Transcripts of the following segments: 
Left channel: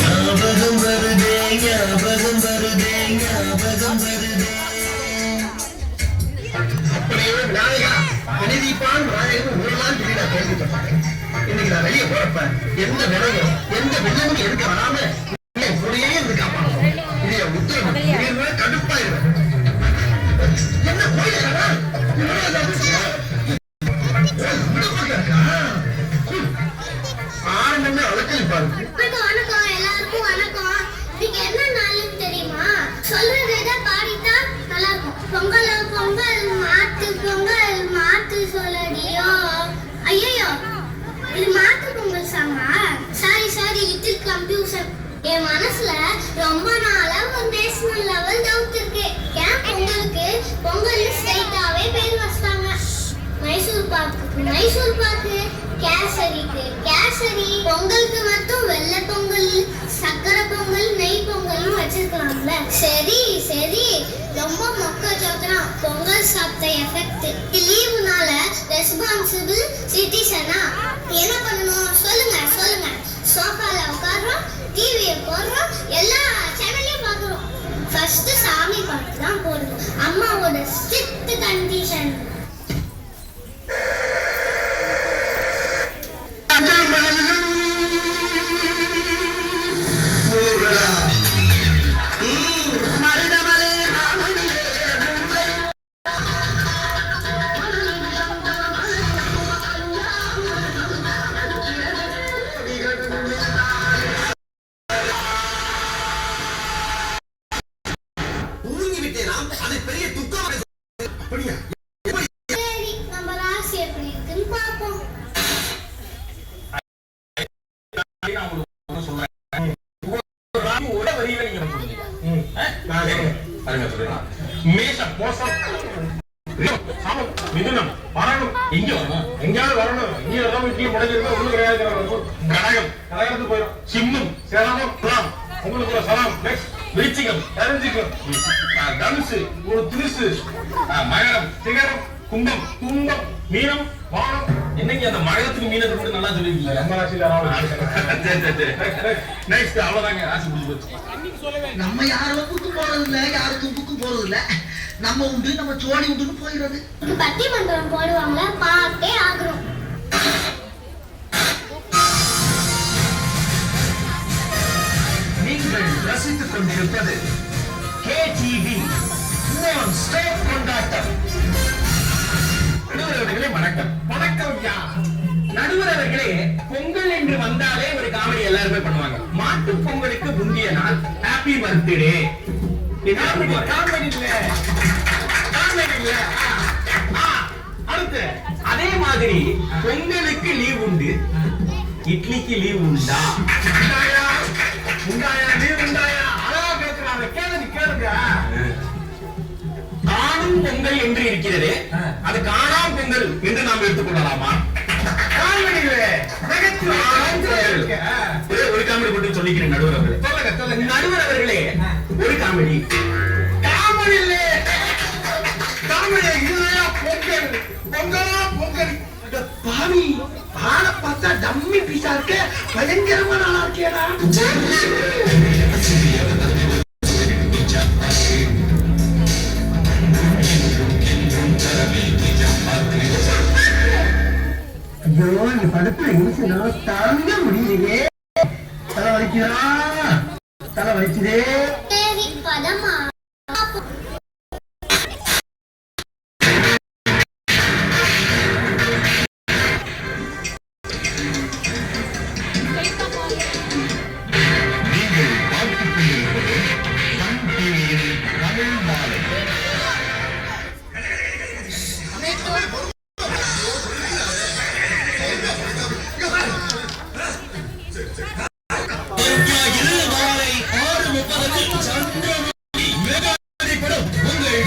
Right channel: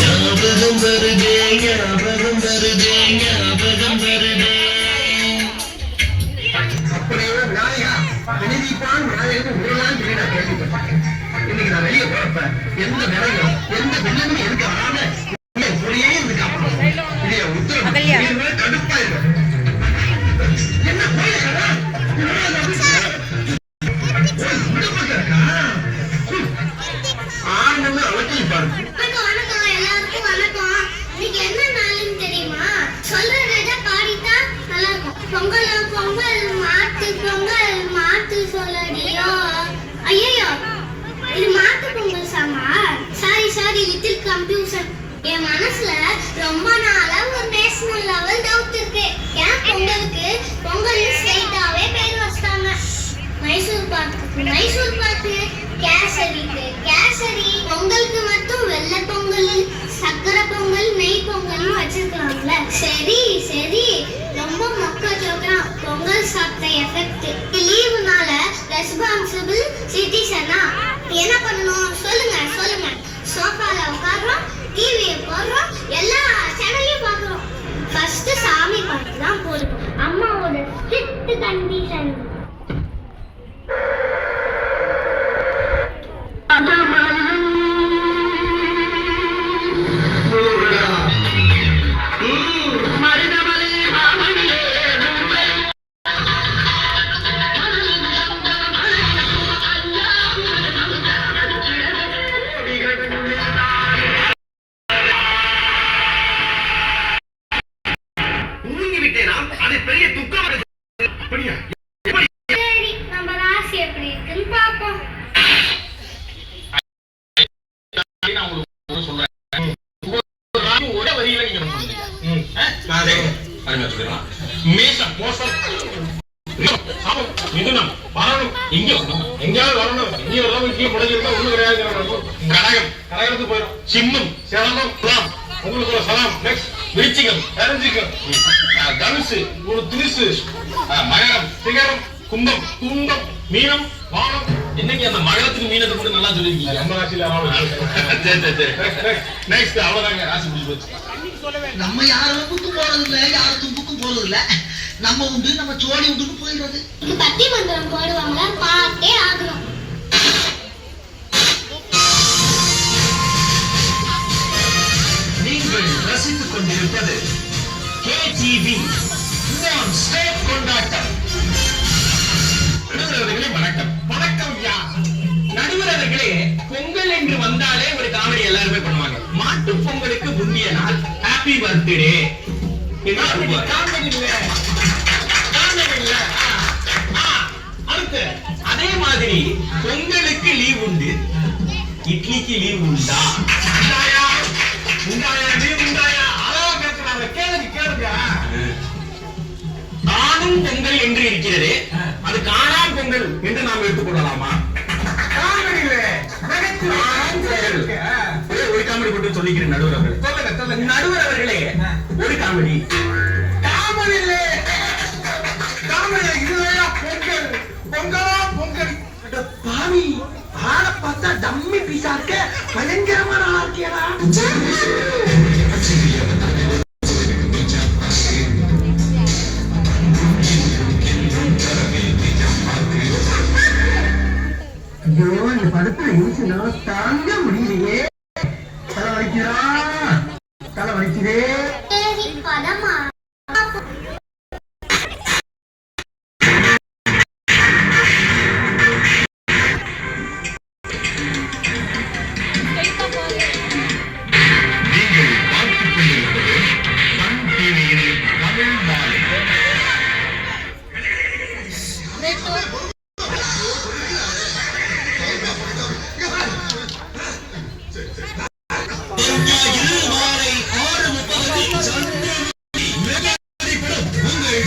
ஞாபகம் வருதே ஞாபகம் வருதே ஞாபகம் வருதே. அப்படியே நாயகா அநீதிப்பான் நாயகன் ஒரு நாள் வீடா கேள்விப்பட்டேன். இன்னைக்கு நான் வெளியே போறப்ப எந்த விலையும் எந்த வெள்ளமும் எடுக்க வராம அப்படியே இருந்து காப்பாற்றணும். இதைய உத்தரவு கடுப்பாயிரும். என்ன போயிடா ஆரம்பமே அலக்கழிப்பாரு. எல்லாருக்கும் வணக்கம். இன்னைக்கு என்ன நாளுன்னு தெரியுமா? சொல்றத பாடிட்டா நல்லா இருக்கும். பொங்கல் பொங்கல் மாட்டு பொங்கல் மாட்டு சொல்லடியோ. ஐயோ இது மாட்டு பொங்கல் சாமா. Sorry little confusion. என் மனசுல ரொம்ப நாளா ஒரு நேஷனல் லெவல் டவுட் இருக்கு. ஏன் பொங்கலுக்கு பொங்கல் ஸ்ட்ரைட்டாவே பேர் வச்சிட்டாங்க. மைசூர் பாக்கு கேசரி பொங்கலுக்கு மட்டும் வெள்ளை பொங்கல் சக்கரை பொங்கல் நெய் பொங்கல்னு வச்சிருக்கலாம்ல. சரி ரொம்ப மொக்க ஜோக்கிறான். பொங்கல் சாப்பிட்ட எஃபெக்ட். லீவுனால ரெஸ்பான்சிபிள் சிட்டிசனா என்ன பண்ணணும் சொல்லுங்க. சோஃபால உட்கார்றோம், டிவியை போடுறோம், எல்லா சேனலையும் பார்க்குறோம். ஃபர்ஸ்ட் சாமி பாட்டு தான் போடுவோம். அம்மாவோட ஸ்ட்ரிக்ட் கண்டிஷன். சின்னம் சேலம் உங்களுக்கு சலாம் விருச்சிகம் தனுசு ஒரு திருசு மகரம் சிகரம் கும்பம் துண்டம் மீனம் வானம். என்னங்க அந்த மகரத்துக்கு மீனத்துக்கு மட்டும் நல்லா சொல்லிருக்கீங்க. நம்ம ராசியில நெக்ஸ்ட் அவ்வளவுதாங்க ராசி முடிஞ்சு போச்சு. நம்ம யாரும் போறது இல்ல, யாரும் தும்புக்கும் போறது இல்ல. நம்ம உண்டு நம்ம சோழி உண்டுன்னு போயிடுறது. பட்டி மந்திரம் போடுவாங்களா பாட்டே ஆகுறோம். நீங்கள் ரசித்துக் கொண்டிருப்பது கேடிவி நான் ஸ்டாப் கொண்டாட்டம். நடுவரவர்களே வணக்கம். நடுவரவர்களே, பொங்கல் என்று வந்தாலே ஒரு காமெடி எல்லாருமே பண்ணுவாங்க. மாட்டு பொங்கலுக்கு முந்திய நாள் ஹாப்பி பர்த்டே. அடுத்து அதே மாதிரி பொங்கலுக்கு லீவ் உண்டு, இட்லிக்கு லீவ் உண்டா? காணும் பொங்கல் என்று இருக்கிறது, அது காணாம் பொங்கல் என்று நாம் எடுத்துக்கொள்ளலாமா? ஒரு காமெடி மட்டும் சொல்லிக்கிறேன் நடுவர் அவர்களே. நடுவர் அவர்களே ஒரு காமெடி. பாவி ஆளை பார்த்தா டம்மி பீஸா இருக்க, பயங்கரமான ஆளா இருக்கேடா. இந்த படத்துல யோசனால தாங்க முடியலையே. தலை வலிக்குதே. பதமா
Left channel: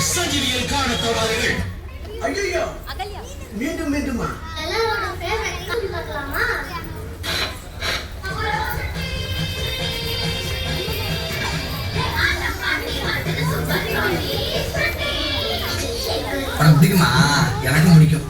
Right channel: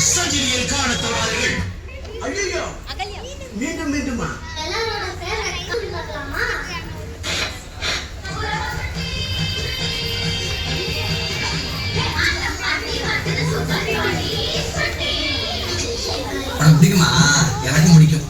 சஞ்சிலியில் காண தோழர்கள். ஐயோ மீண்டுமா எல்லாரோட பேர் ரெக்கார்ட் பண்ணலாமா? பிடிக்குமா? எனக்கு பிடிக்கும்.